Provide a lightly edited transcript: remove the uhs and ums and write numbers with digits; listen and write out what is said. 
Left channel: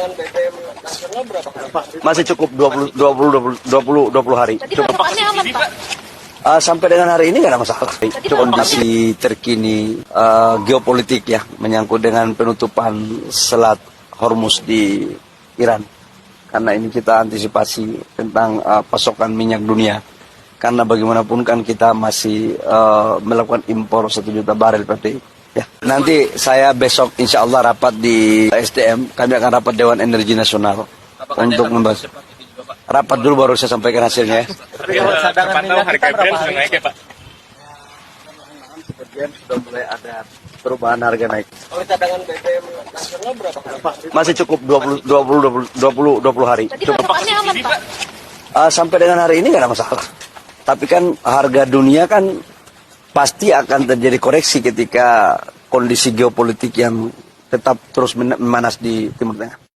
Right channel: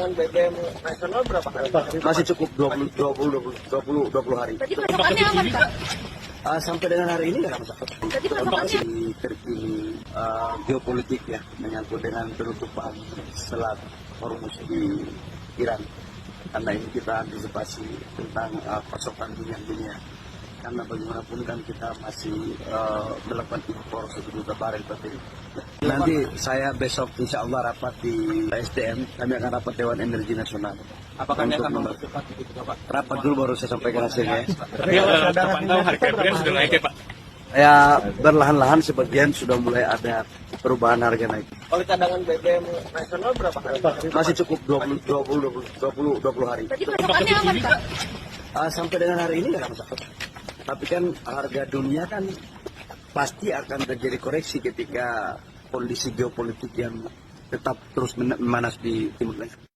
cadangan BBM nasional berapa hari? Masih cukup 20 hari. Tadi Cukup. patokannya aman, Pak. Sampai dengan hari ini nggak ada masalah. Kondisi terkini geopolitik ya, menyangkut dengan penutupan Selat Hormuz di Iran. Karena ini kita antisipasi tentang pasokan minyak dunia. Karena bagaimanapun kan kita masih melakukan impor 1 juta barel per day. Ya. Nanti saya besok insya Allah rapat di SDM, kami akan rapat Dewan Energi Nasional. Apakah Untuk membahas. Rapat dulu baru saya sampaikan hasilnya. Cadangan harga beras sudah naik ya Pak? Ya berlahan-lahan sebagian sudah mulai ada perubahan harga naik. Kalau cadangan BBM nasional berapa hari? Masih cukup 20 hari. Tadi patokannya aman, Pak. Sampai dengan hari ini nggak ada masalah. Tapi kan harga dunia kan pasti akan terjadi koreksi ketika kondisi geopolitik yang tetap terus memanas di Timur Tengah.